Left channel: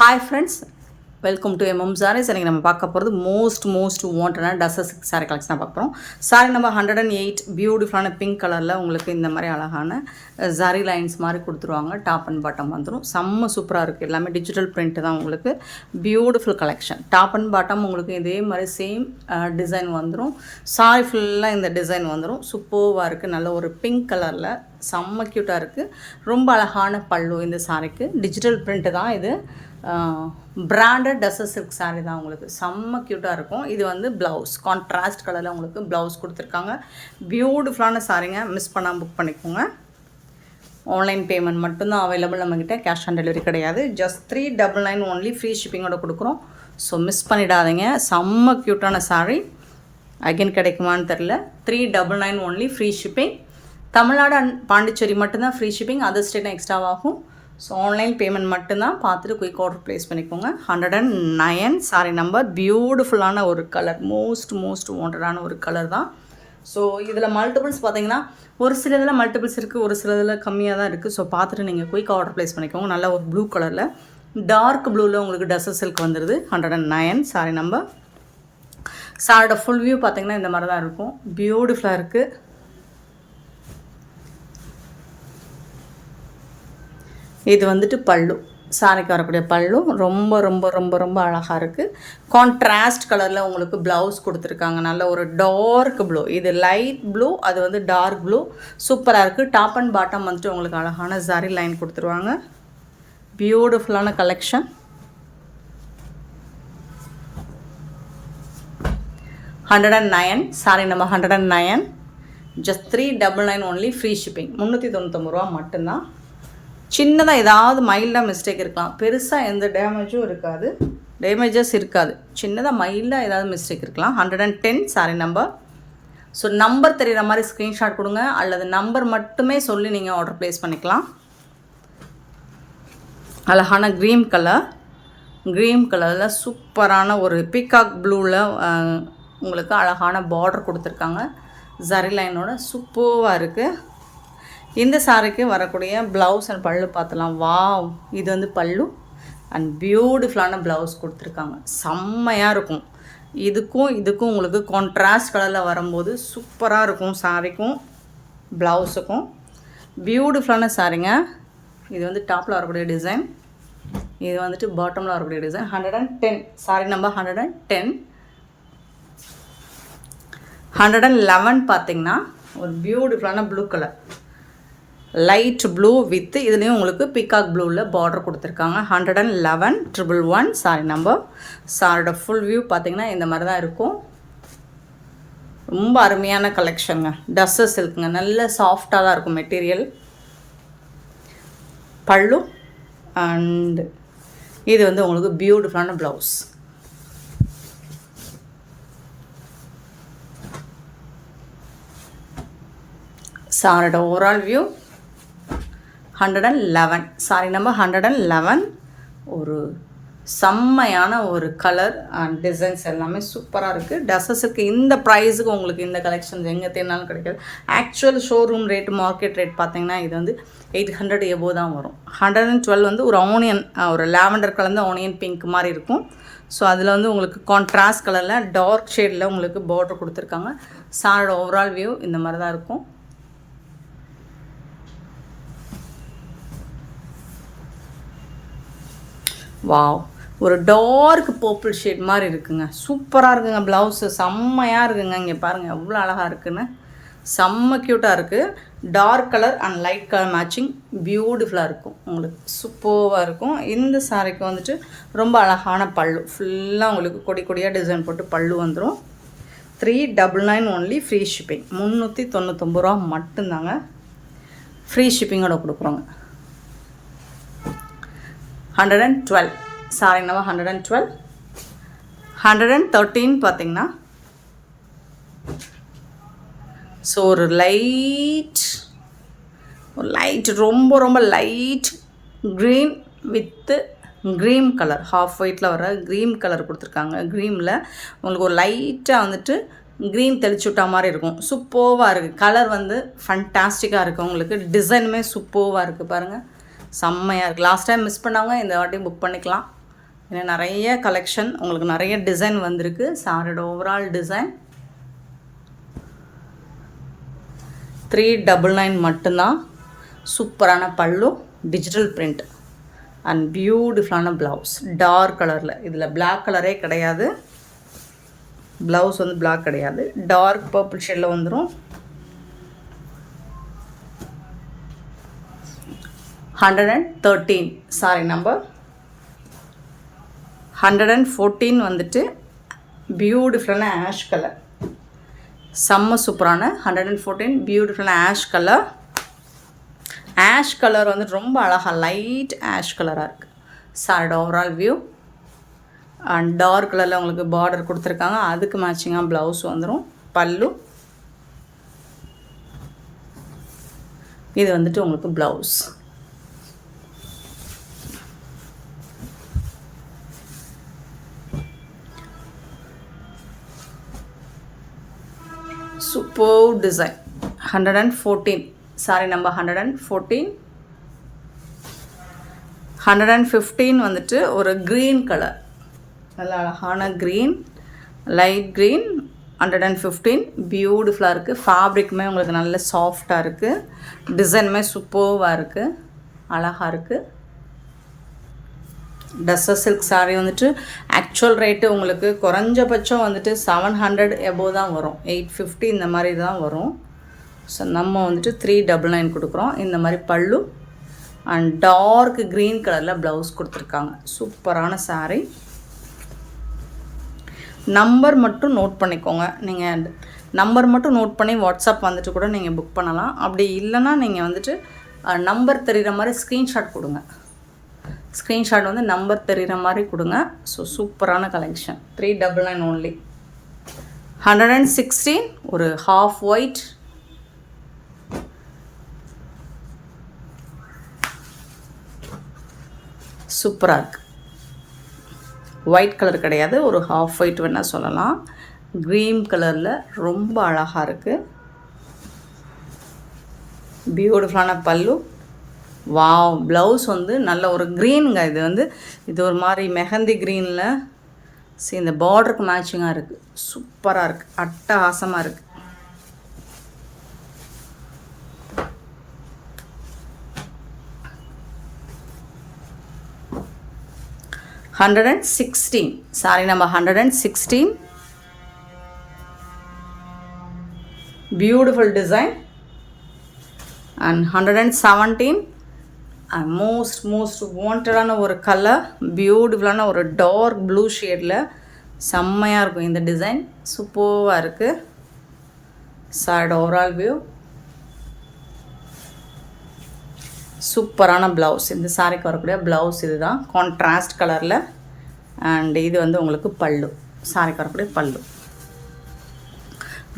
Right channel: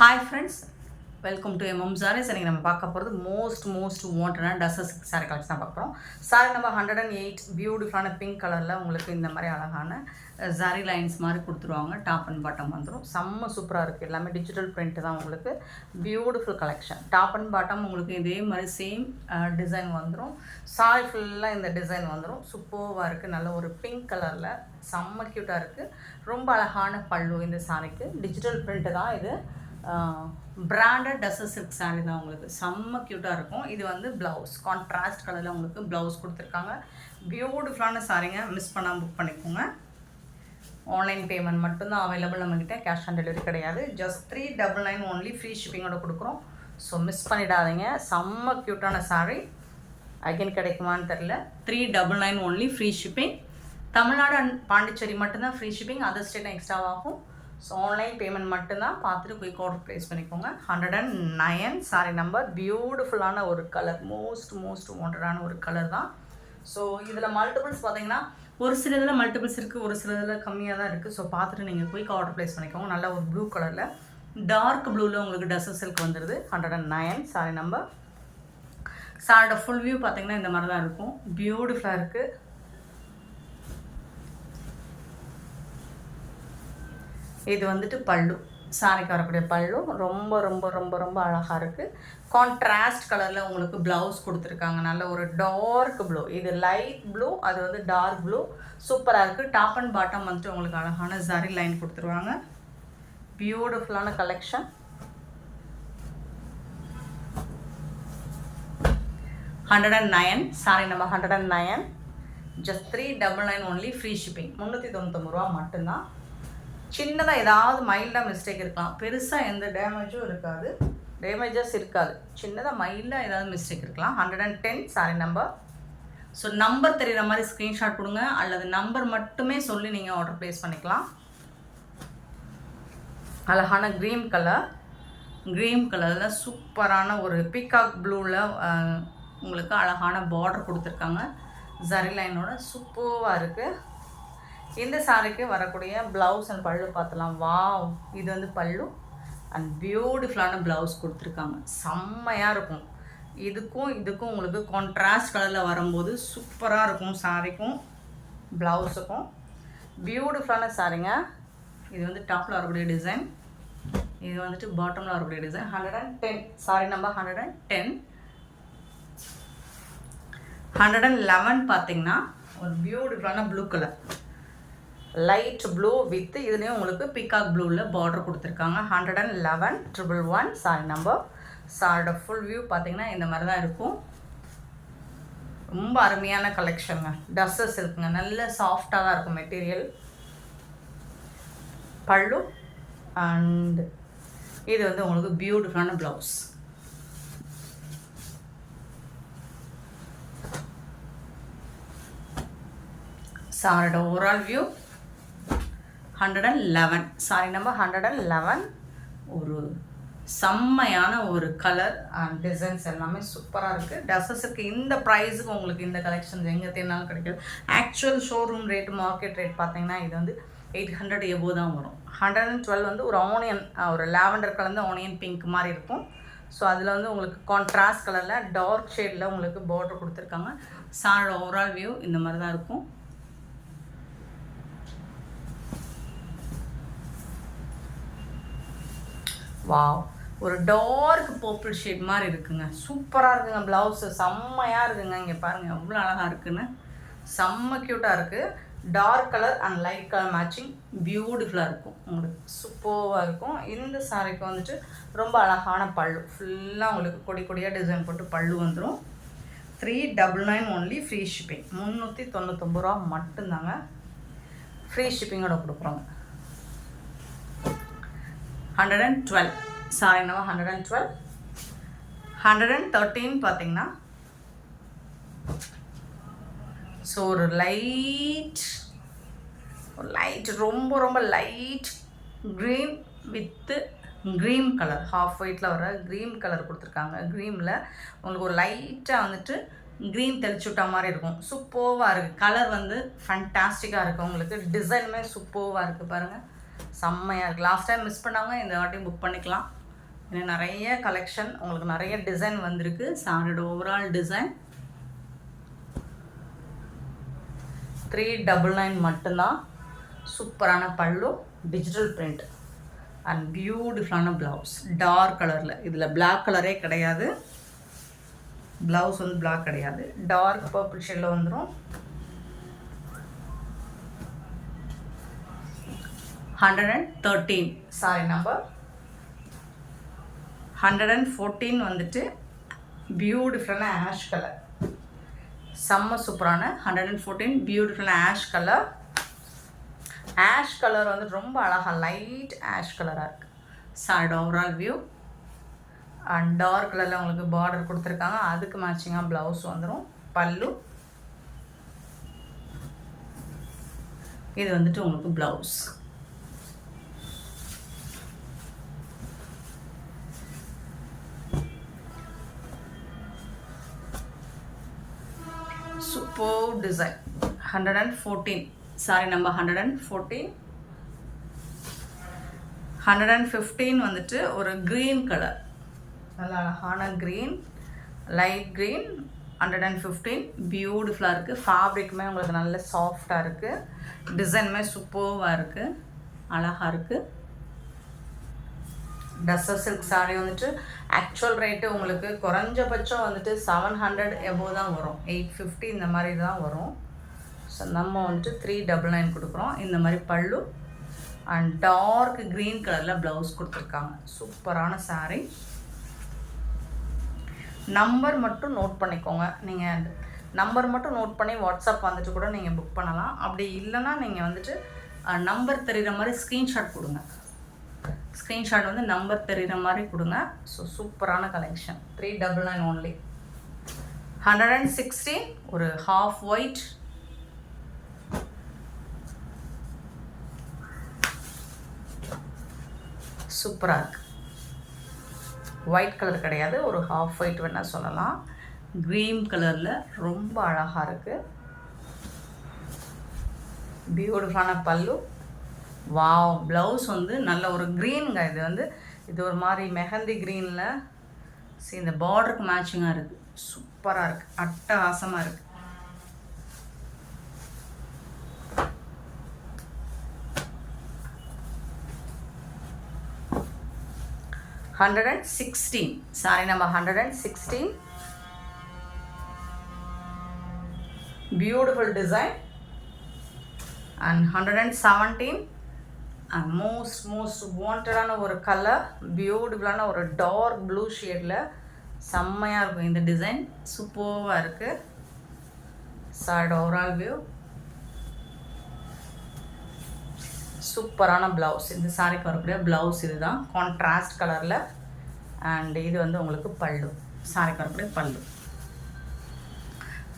Hi friends, welcome to MM Sarees. இன்றைக்கி நம்ம பார்க்க போகிறது மோஸ்ட் வாண்டடான டசஸ் சாரீ கலெக்ஷன் பார்க்க போகிறோம். சாரீ நம்பர் 108 பியூட்டிஃபுல்லான பிங்க் கலரில் உங்களுக்கு இந்த மாதிரி அழகான ஜரி லைன்ஸ் மாதிரி கொடுத்துருவாங்க. டாப் அண்ட் பாட்டம் வந்துடும். செம்ம சூப்பராக இருக்குது. எல்லாமே டிஜிட்டல் பிரிண்ட் தான். உங்களுக்கு beautiful collection. Top and bottom உங்களுக்கு இதே மாதிரி சேம் டிசைன் வந்துடும். சாரீ ஃபுல்லாக இந்த டிசைன் வந்துடும். சூப்பராக இருக்குது. நல்ல ஒரு பிங்க் கலரில் செம்ம க்யூட்டாக இருக்குது. ரொம்ப அழகான பல்லு இந்த சாரீக்கு. டிஜிட்டல் பிரிண்ட்டு தான் இது. பிராண்டட் டசஸ் சில்க் சாரீ தான். உங்களுக்கு செம்ம க்யூட்டாக இருக்கும். இது வந்து ப்ளவுஸ் கான்ட்ராஸ்ட் கலரில் உங்களுக்கு ப்ளவுஸ் கொடுத்துருக்காங்க. பியூட்டிஃபுல்லான சாரீங்க. மிஸ் பண்ணாமல் புக் பண்ணிக்கோங்க. ஆன்லைன் பேமெண்ட் மட்டும்தான் அவைலபிள் நம்மக்கிட்ட. கேஷ் ஆன் டெலிவரி கிடையாது. Just 399 only. ஃப்ரீ ஷிப்பிங்கோட கொடுக்குறோம். ஸோ மிஸ் பண்ணிடாதீங்க. செம்ம க்யூட்டான சாரீ. அகைன் கிடைக்குமான்னு தெரில. 399 only. Free shipping. Tamil Nadu and Pondicherry மட்டும்தான் ஃப்ரீ ஷிப்பிங். அதர் ஸ்டேட்டும் எக்ஸ்ட்ராவாகும். ஸோ ஆன்லைன் பேமெண்ட் மட்டும்தான். பார்த்துட்டு குயிக் ஆர்டர் ப்ளேஸ் பண்ணிக்கோங்க. 109 சாரி நம்பர். பியூட்டிஃபுல்லான ஒரு கலர். மோஸ்ட் வாண்டடான ஒரு கலர் தான். ஸோ இதில் மல்டிபிள்ஸ் பார்த்தீங்கன்னா ஒரு சில இதில் மல்டிபிள்ஸ் இருக்குது, ஒரு சில இதில் கம்மியாக தான் இருக்குது. ஸோ பார்த்துட்டு நீங்கள் குயிக் ஆர்டர் ப்ளேஸ் பண்ணிக்கோங்க. நல்ல ஒரு ப்ளூ கலரில் டார்க் ப்ளூவில் உங்களுக்கு டசஸ் சில்க் வந்துடுது. 109 சாரி நம்பர். சாரோட ஃபுல் வியூ பார்த்தீங்கன்னா இந்த மாதிரி தான் இருக்கும். பியூட்டிஃபுல்லாக இருக்குது. இது வந்துட்டு பல்லு. சாரிக்கு வரக்கூடிய பல்லு ரொம்ப அழகாக இருக்குது. கான்ட்ராஸ்ட் கலரில் உங்களுக்கு ப்ளவுஸ் கொடுத்துருக்காங்க. நல்ல ஒரு டார்க் ப்ளூ. இது லைட் ப்ளூ, அது வந்து டார்க் ப்ளூ. சூப்பராக இருக்குது. டாப் அண்ட் பாட்டம் வந்துட்டு உங்களுக்கு அழகான ஜரி லைன் கொடுத்துருவாங்க. பியூட்டிஃபுல்லான கலெக்ஷன். 109 சாரி நம்ம 109. Just 399 only. Free shipping. 399 ரூபா மட்டும்தான். சின்னதாக ஏதாவது மைல்டாக மிஸ்டேக் இருக்கலாம். பெருசாக எந்த டேமேஜஸ் இருக்காது. சின்னதாக மைல்டாக ஏதாவது மிஸ்டேக் இருக்கலாம். 110 சாரி நம்பர். ஸோ நம்பர் தெரிகிற மாதிரி ஸ்க்ரீன்ஷாட் கொடுங்க, அல்லது நம்பர் மட்டுமே சொல்லி நீங்கள் ஆர்டர் ப்ளேஸ் பண்ணிக்கலாம். அழகான க்ரீன் கலரில் சூப்பரான ஒரு பீகாக் ப்ளூவில் உங்களுக்கு அழகான பார்டர் கொடுத்துருக்காங்க. ஜரி லைனோட சூப்பராக இருக்குது. இந்த சாரிக்கு வரக்கூடிய ப்ளவுஸ் அண்ட் பல்லு பார்த்தலாம். வாவ், இது வந்து பல்லு அண்ட் பியூட்டிஃபுல்லான ப்ளவுஸ் கொடுத்துருக்காங்க. செம்மையாக இருக்கும். இதுக்கும் உங்களுக்கு கான்ட்ராஸ்ட் கலரில் வரும்போது சூப்பராக இருக்கும். சாரிக்கும் ப்ளவுஸுக்கும் பியூட்டிஃபுல்லான சாரிங்க. இது வந்து டாப்பில் வரக்கூடிய டிசைன், இது வந்துட்டு பாட்டமில் வரக்கூடிய டிசைன். 110 sorry number 110. 111 பார்த்திங்கன்னா ஒரு பியூட்டிஃபுல்லான blue colour, light blue with இதுலேயும் உங்களுக்கு பீகாக் ப்ளூவில் பார்டர் கொடுத்துருக்காங்க. 111 111 சாரி நம்பர். சாரோட ஃபுல் வியூ பார்த்திங்கன்னா இந்த மாதிரி தான் இருக்கும். ரொம்ப அருமையான கலெக்ஷனுங்க. டஸ்ஸஸ் சில்க்குங்க. நல்ல சாஃப்டாக தான் இருக்கும் மெட்டீரியல். பல்லு அண்ட் இது வந்து உங்களுக்கு பியூட்டிஃபுல்லான ப்ளவுஸ். சாரோட ஓவரால் வியூ 111 சாரி நம்பர் 111. ஒரு செம்மையான ஒரு கலர் அண்ட் டிசைன்ஸ் எல்லாமே சூப்பராக இருக்குது. டசஸுக்கு இந்த ப்ரைஸுக்கு உங்களுக்கு இந்த கலெக்ஷன்ஸ் எங்கே தேடினாலும் கிடைக்காது. Actual showroom rate, market rate பார்த்தீங்கன்னா இது வந்து 800 எபோ தான் வரும். 112 வந்து ஒரு ஆனியன், ஒரு லாவெண்டர் கலந்து ஆனியன் பிங்க் மாதிரி இருக்கும். ஸோ அதில் வந்து உங்களுக்கு கான்ட்ராஸ்ட் கலரில் டார்க் ஷேடில் உங்களுக்கு பார்டர் கொடுத்துருக்காங்க. சாரோட ஓவரால் வியூ இந்த மாதிரி தான் இருக்கும். வாவ், ஒரு டார்க் பர்பிள் ஷேட் மாதிரி இருக்குங்க. சூப்பராக இருக்குங்க. ப்ளவுஸு செம்மையாக இருக்குங்க. இங்கே பாருங்கள் எவ்வளோ அழகாக இருக்குன்னு. செம்ம க்யூட்டாக இருக்குது. Dark colour and light colour matching பியூட்டிஃபுல்லாக இருக்கும். உங்களுக்கு சூப்பராக இருக்கும். இந்த சாரிக்கு வந்துட்டு ரொம்ப அழகான பல்லு. ஃபுல்லாக உங்களுக்கு கொடியாக டிசைன் போட்டு பல்லு வந்துடும். 399 ஒன்லி. Free shipping. 399 ரூபா மட்டும்தாங்க. ஃப்ரீ ஷிப்பிங்கோட கொடுக்குறோங்க. 112 சாரி நம்ம 112. 113 பார்த்திங்கன்னா ஸோ ஒரு லைட் ரொம்ப light green with cream colour, half ஒயிட்டில் வர க்ரீம் கலர் கொடுத்துருக்காங்க. க்ரீமில் உங்களுக்கு ஒரு லைட்டாக வந்துட்டு க்ரீன் தெளிச்சு விட்டா மாதிரி இருக்கும். சூப்பராக இருக்குது. கலர் வந்து ஃபண்டாஸ்டிக்காக இருக்குது. உங்களுக்கு டிசைனுமே சூப்பராக இருக்குது. பாருங்கள், செம்மையாக இருக்குது. லாஸ்ட் டைம் மிஸ் பண்ணாங்க, இந்த வாட்டி புக் பண்ணிக்கலாம். ஏன்னா நிறைய கலெக்ஷன் உங்களுக்கு நிறைய டிசைன் வந்திருக்கு. சாரியோட ஓவரால் டிசைன் 399 மட்டும்தான். சூப்பரான பல்லு, டிஜிட்டல் பிரிண்ட் அண்ட் பியூட்டிஃபுல்லான ப்ளவுஸ் டார்க் கலரில். இதில் பிளாக் கலரே கிடையாது, ப்ளவுஸ் வந்து பிளாக் கிடையாது, டார்க் பர்பிள் ஷேடில் வந்துடும். 113 சாரி நம்பர் 114 வந்துட்டு பியூட்டிஃபுல்லான ஆஷ் கலர், செம்ம சூப்பரான 114 பியூட்டிஃபுல்லான ஆஷ் கலர். ஆஷ் கலர் வந்துட்டு ரொம்ப அழகாக லைட் ஆஷ் கலராக இருக்குது. சாரியோட ஓவரால் வியூ அண்ட் டார்க் கலரில் உங்களுக்கு பார்டர் கொடுத்துருக்காங்க. அதுக்கு மேட்சிங்காக ப்ளவுஸ் வந்துடும். பல்லு இது வந்துட்டு உங்களுக்கு blouse. Super design 114 sorry number 114. 115 வந்துட்டு ஒரு க்ரீன் கலர், நல்ல அழகான க்ரீன், லைட் க்ரீன். 115 பியூட்டிஃபுல்லாக இருக்குது. ஃபேப்ரிக்குமே உங்களுக்கு நல்ல சாஃப்டாக இருக்குது. டிசைனுமே சூப்பர்வாக இருக்குது, அழகாக இருக்குது. டஸ்ஸர் சில்க் சாரீ வந்துட்டு ஆக்சுவல் ரேட்டு உங்களுக்கு குறைஞ்சபட்சம் வந்துட்டு 700 எபோவ் தான் வரும். 850 இந்த மாதிரி தான் வரும். ஸோ நம்ம வந்துட்டு 399 கொடுக்குறோம். இந்த மாதிரி பல்லு அண்ட் டார்க் க்ரீன் கலரில் ப்ளவுஸ் கொடுத்துருக்காங்க. சூப்பரான சாரீ. நம்பர் மட்டும் நோட் பண்ணிக்கோங்க. நீங்கள் நம்பர் மட்டும் நோட் பண்ணி வாட்ஸ்அப் வந்துட்டு கூட நீங்கள் புக் பண்ணலாம். அப்படி இல்லைன்னா நீங்கள் வந்துட்டு நம்பர் தெரிகிற மாதிரி ஸ்க்ரீன்ஷாட் கொடுங்க. ஸ்க்ரீன்ஷாட் வந்து நம்பர் தெரிகிற மாதிரி கொடுங்க. ஸோ சூப்பரான கலெக்ஷன். 399 ஓன்லி. 116 ஒரு ஹாஃப் ஒயிட், சூப்பராக இருக்குது. ஒயிட் கலர் கிடையாது, ஒரு ஹாஃப் ஒயிட் வேணால் சொல்லலாம். க்ரீன் கலரில் ரொம்ப அழகாக இருக்குது. பியூட்டிஃபுல்லான பல்லு. வாவ், ப்ளவுஸ் வந்து நல்ல ஒரு க்ரீனுங்க. இது வந்து இது ஒரு மாதிரி மெஹந்தி க்ரீனில் இந்த பார்டருக்கு மேட்சிங்காக இருக்குது. சூப்பராக இருக்குது, அட்டகாசமாக இருக்குது. $116 sorry number 116. Beautiful design. And 117 and most வாண்டடான ஒரு கலர், பியூட்டிஃபுல்லான ஒரு டார்க் ப்ளூ ஷேடில் செம்மையாக இருக்கும் இந்த டிசைன். சூப்பராக இருக்குது. சாரியோட ஓவரால் வியூ. சூப்பரான ப்ளவுஸ். இந்த சாரிக்கு வரக்கூடிய ப்ளவுஸ் இது தான், கான்ட்ராஸ்ட் கலரில். அண்ட் இது வந்து உங்களுக்கு பல்லு, சாரிக்கு வரக்கூடிய பல்லு.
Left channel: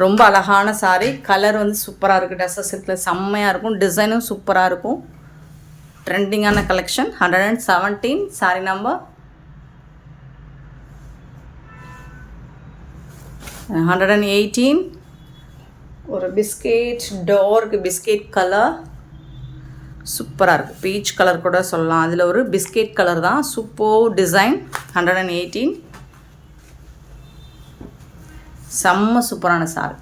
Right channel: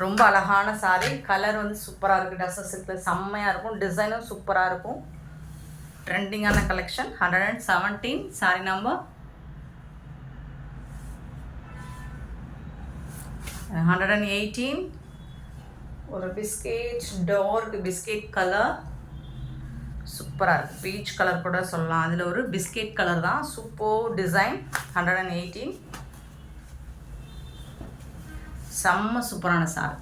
ரொம்ப அழகான சாரி. கலர் வந்து சூப்பராக இருக்குது. டஸ்ஸர் சில்கில் செம்மையாக இருக்கும். டிசைனும் சூப்பராக இருக்கும். ட்ரெண்டிங்கான கலெக்ஷன். 117 sorry number 118. ஒரு பிஸ்கெட், டார்க் பிஸ்கெட் கலர், சூப்பராக இருக்குது. பீச் கலர் கூட சொல்லலாம். அதில் ஒரு பிஸ்கெட் கலர் தான். Super design. 118 செம்ம சூப்பரான சாரி.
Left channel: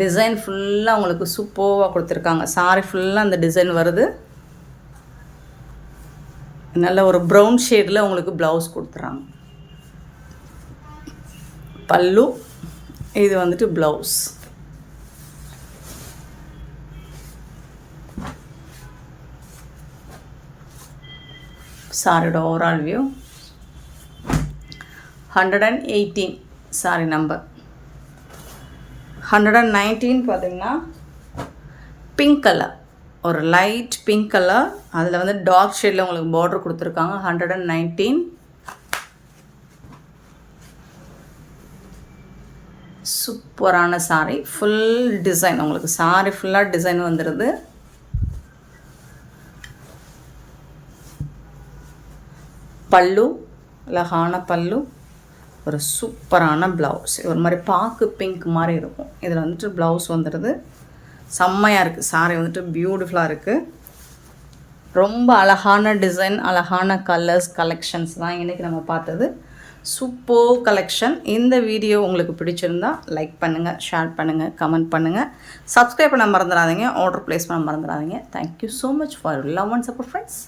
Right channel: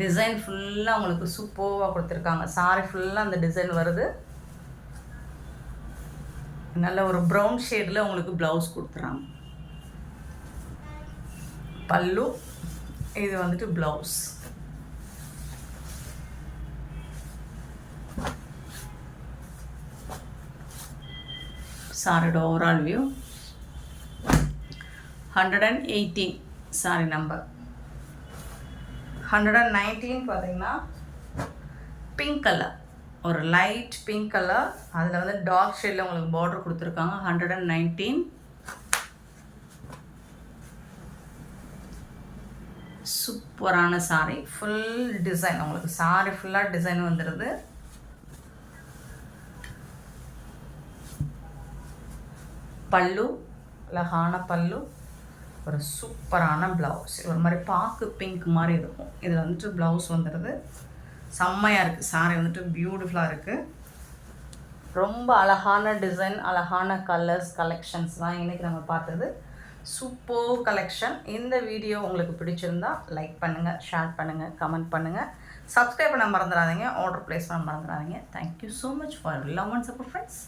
டிசைன் ஃபுல்லாக உங்களுக்கு சூப்பராக கொடுத்துருக்காங்க. சாரி ஃபுல்லாக அந்த டிசைன் வருது. நல்ல ஒரு ப்ரௌன் ஷேடில் உங்களுக்கு ப்ளவுஸ் கொடுத்துறாங்க. பல்லு இது வந்துட்டு ப்ளவுஸ். சாரியோட ஓவரால் வியூ. 118 சாரி நம்பர் 119 பார்த்தீங்கன்னா பிங்க் கலர், ஒரு லைட் பிங்க் கலர். அதில் வந்து டார்க் ஷேடில் உங்களுக்கு பார்டர் கொடுத்துருக்காங்க. 119 சூப்பரான சாரி. ஃபுல் டிசைன் உங்களுக்கு சாரி ஃபுல்லாக டிசைன் வந்துடுது. பல்லு அழகான பல்லு, ஒரு சூப்பரான ப்ளவுஸ். ஒரு மாதிரி பாக்கு பிங்க் மாதிரி இருக்கும். இதில் வந்துட்டு ப்ளவுஸ் வந்துடுது. செம்மையாக இருக்குது. சாரி வந்துட்டு பியூட்டிஃபுல்லாக இருக்குது. ரொம்ப அழகான டிசைன், அழகான கலர்ஸ், கலெக்ஷன்ஸ் தான் இன்றைக்கி நம்ம பார்த்தது. Super collection. இந்த வீடியோ உங்களுக்கு பிடிச்சிருந்தா லைக் பண்ணுங்கள், ஷேர் பண்ணுங்கள், கமெண்ட் பண்ணுங்கள், சப்ஸ்கிரைப் பண்ண மறந்துடாதீங்க, ஆர்டர் ப்ளேஸ் பண்ண மறந்துடாதீங்க. Thank you so much for love and support friends.